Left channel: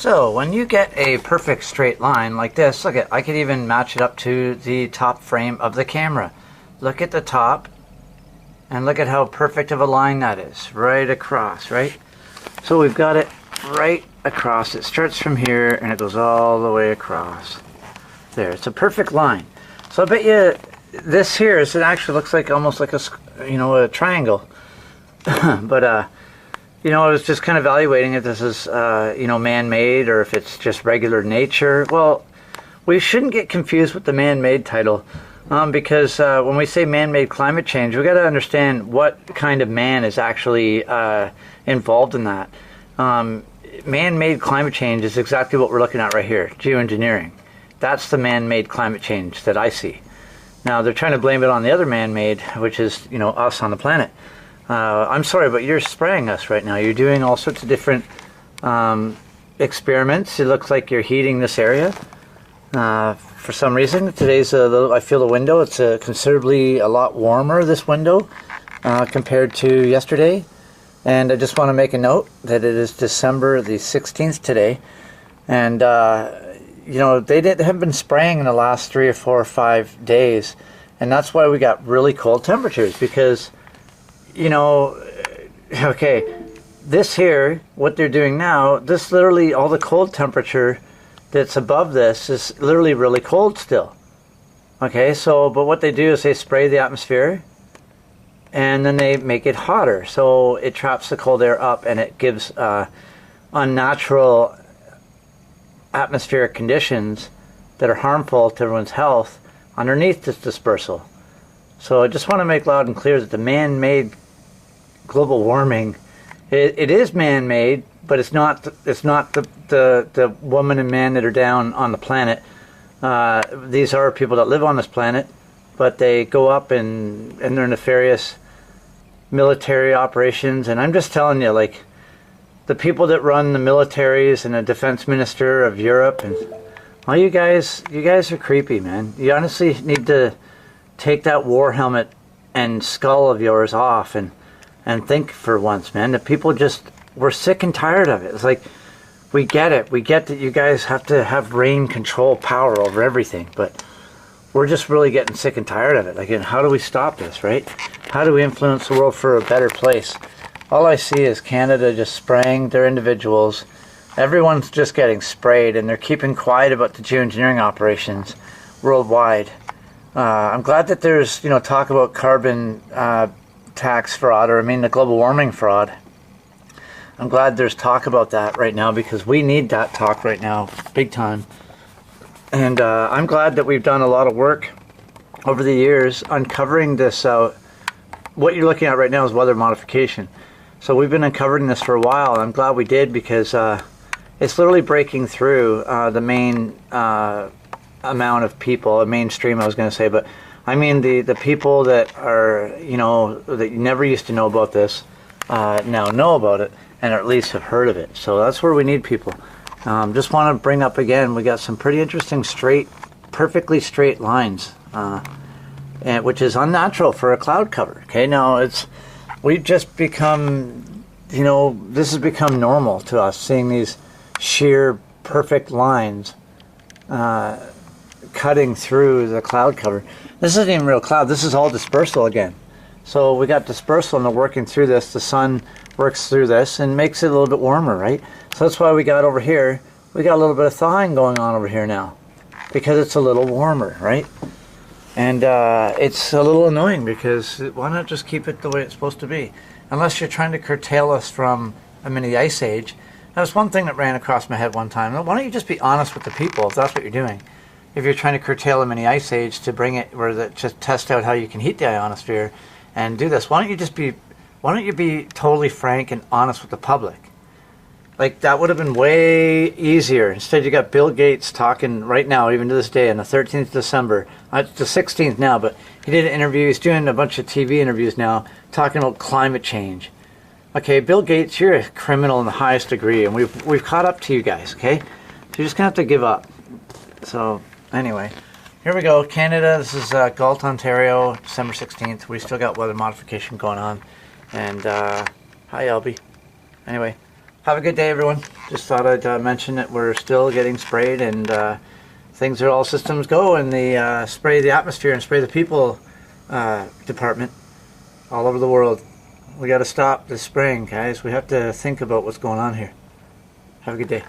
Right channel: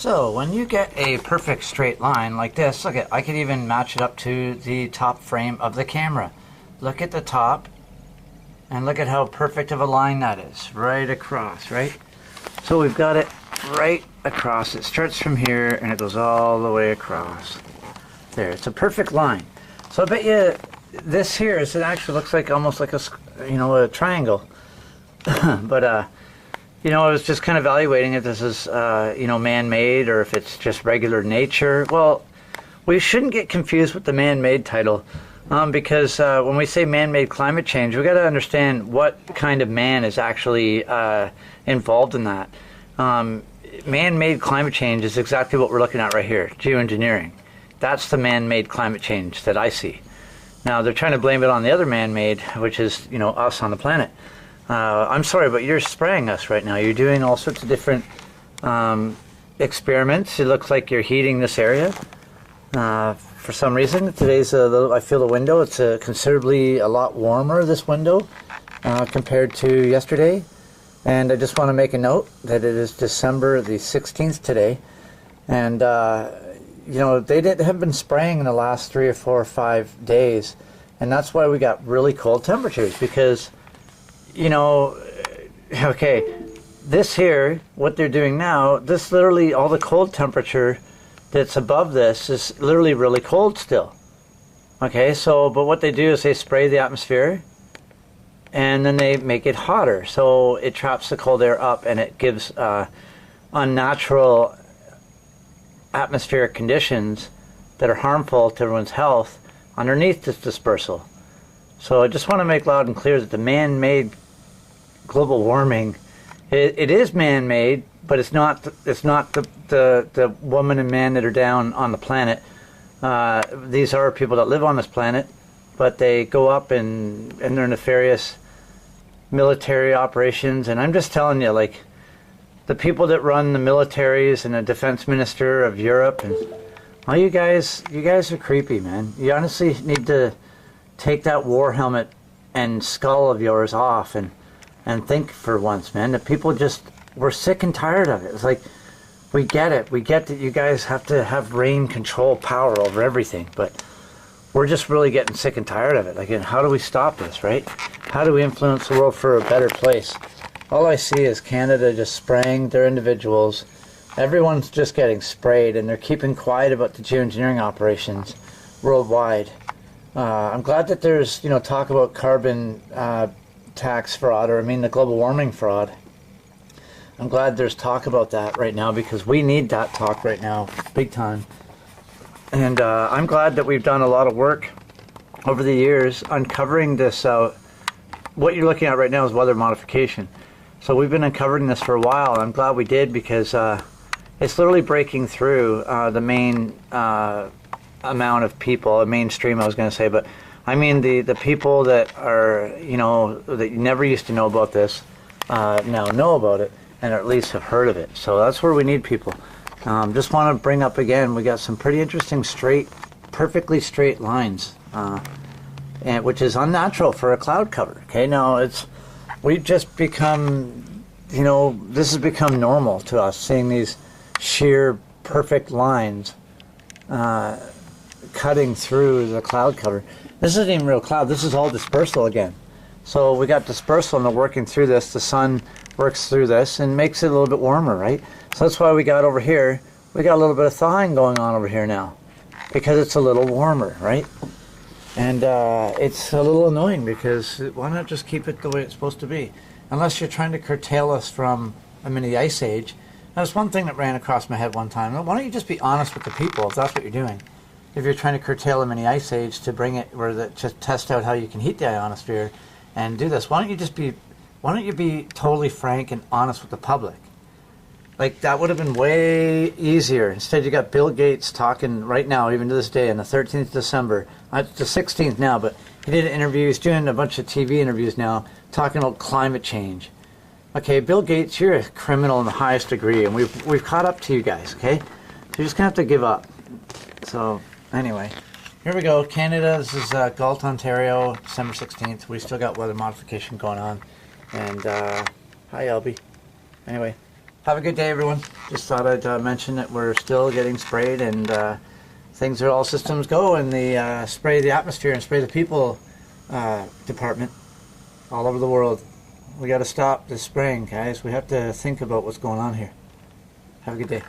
So when you get a perfect straight line like this, look at, I could even match it up to the top frame of the camera. Look at the top and look at how perfect of a line that is, right across, right? So we've got it right across. It starts from here and it goes all the way across. There, it's a perfect line. So I bet you this here is, it actually looks like almost like a, you know, a triangle. But you know, I was just kind of evaluating if this is, you know, man-made or if it's just regular nature. Well, we shouldn't get confused with the man-made title because when we say man-made climate change, we got to understand what kind of man is actually involved in that. Man-made climate change is exactly what we're looking at right here, geoengineering. That's the man-made climate change that I see. Now, they're trying to blame it on the other man-made, which is, you know, us on the planet. I'm sorry, but you're spraying us right now. You're doing all sorts of different experiments. It looks like you're heating this area for some reason. Today's a little, I feel the window, it's considerably a lot warmer, this window, compared to yesterday. And I just want to make a note that it is December the 16th today. And, you know, they haven't been spraying in the last 3 or 4 or 5 days. And that's why we got really cold temperatures, because you know, okay, this here, what they're doing now, this literally, all the cold temperature that's above this is literally really cold still. Okay, so, but what they do is they spray the atmosphere and then they make it hotter. So it traps the cold air up and it gives unnatural atmospheric conditions that are harmful to everyone's health underneath this dispersal. So I just want to make loud and clear that the man-made global warming, it is man-made, but it's not the woman and man that are down on the planet. These are people that live on this planet, but they go up and they're nefarious military operations. And I'm just telling you, like, the people that run the militaries and the defense minister of Europe, and all you guys are creepy, man. You honestly need to take that war helmet and skull of yours off and think for once, man. The people just, we're sick and tired of it. It's like, we get it. We get that you guys have to have reign control power over everything, but we're just really getting sick and tired of it. Like, and how do we stop this, right? How do we influence the world for a better place? All I see is Canada just spraying their individuals. Everyone's just getting sprayed, and they're keeping quiet about the geoengineering operations worldwide. I'm glad that there's, you know, talk about carbon tax fraud, or I mean the global warming fraud. I'm glad there's talk about that right now, because we need that talk right now, big time. And I'm glad that we've done a lot of work over the years uncovering this. What you're looking at right now is weather modification. So we've been uncovering this for a while, and I'm glad we did, because it's literally breaking through the main amount of people, mainstream I was going to say, but I mean the people that are, you know, that you never used to know about this, now know about it, and at least have heard of it. So that's where we need people. Just want to bring up again, we got some pretty interesting perfectly straight lines, and which is unnatural for a cloud cover. Okay, now we've just become, you know, this has become normal to us, seeing these sheer perfect lines cutting through the cloud cover. This isn't even real cloud, this is all dispersal again. So we got dispersal and they're working through this. The sun works through this and makes it a little bit warmer, right? So that's why we got over here, we got a little bit of thawing going on over here now, because it's a little warmer, right? And it's a little annoying, because why not just keep it the way it's supposed to be? Unless you're trying to curtail us from a mini ice age. That was one thing that ran across my head one time. Why don't you just be honest with the people if that's what you're doing? If you're trying to curtail a mini ice age to bring it, just test out how you can heat the ionosphere and do this, why don't you be totally frank and honest with the public? Like, that would have been way easier. Instead, you got Bill Gates talking right now, even to this day, on the 13th of December. It's the 16th now, but he did an interview. He's doing a bunch of TV interviews now, talking about climate change. Okay, Bill Gates, you're a criminal in the highest degree, and we've caught up to you guys, okay? So you're just going to have to give up. So, anyway, here we go. Canada, this is Galt, Ontario, December 16th. We still got weather modification going on. And, hi, Albie. Anyway. Have a good day, everyone. Just thought I'd mention that we're still getting sprayed, and things are all systems go in the spray the atmosphere and spray the people department all over the world. We got to stop the spraying, guys. We have to think about what's going on here. Have a good day.